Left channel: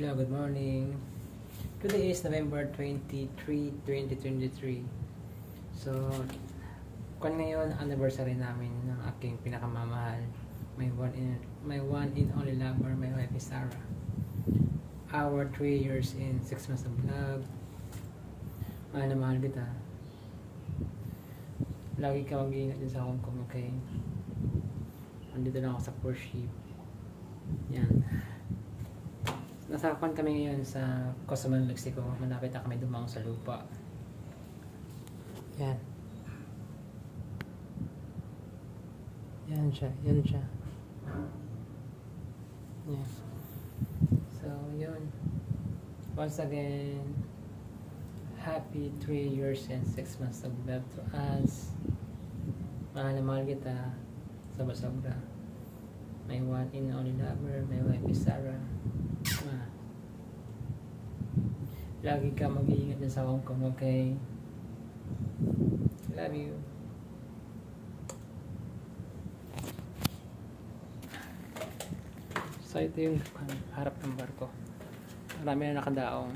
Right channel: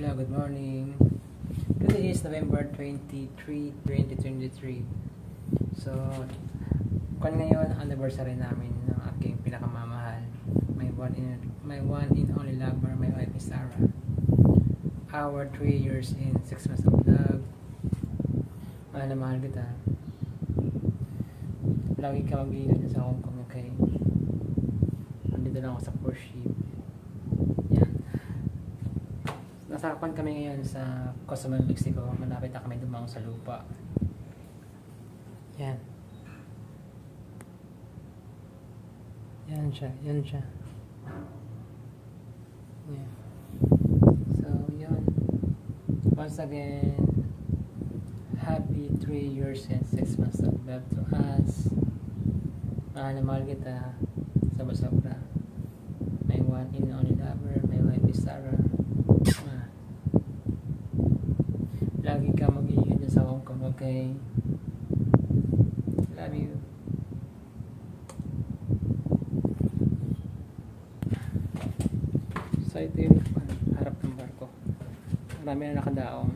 Hello, good morning. Today is November 23, 2023. So, kung ngayon anniversary namin ng aking pinakamamahal, my one in only lover, my wife is Sarah. Our 3 years in 6 months of love. Mahal na mahal kita. Lagi ka mag-iingat sa Hong Kong, okay? Nandito lang ako sa cruise ship. Yan. Nasakapan kami ngayon sa Cozumel, Mexico. Malapit na kami dumang sa lupa. Yan. Yan siya. Yan siya. Yan. So, yun. Once again, happy 3 years and 6 months of love to us. Mahal na mahal kita. Sobra-sobra. My one and only lover, my wife is Sarah. Lagi ka mag-iingat dyan sa Hong Kong, okay? Love you. So ito yung harap ng barko. Marami na nakadaong.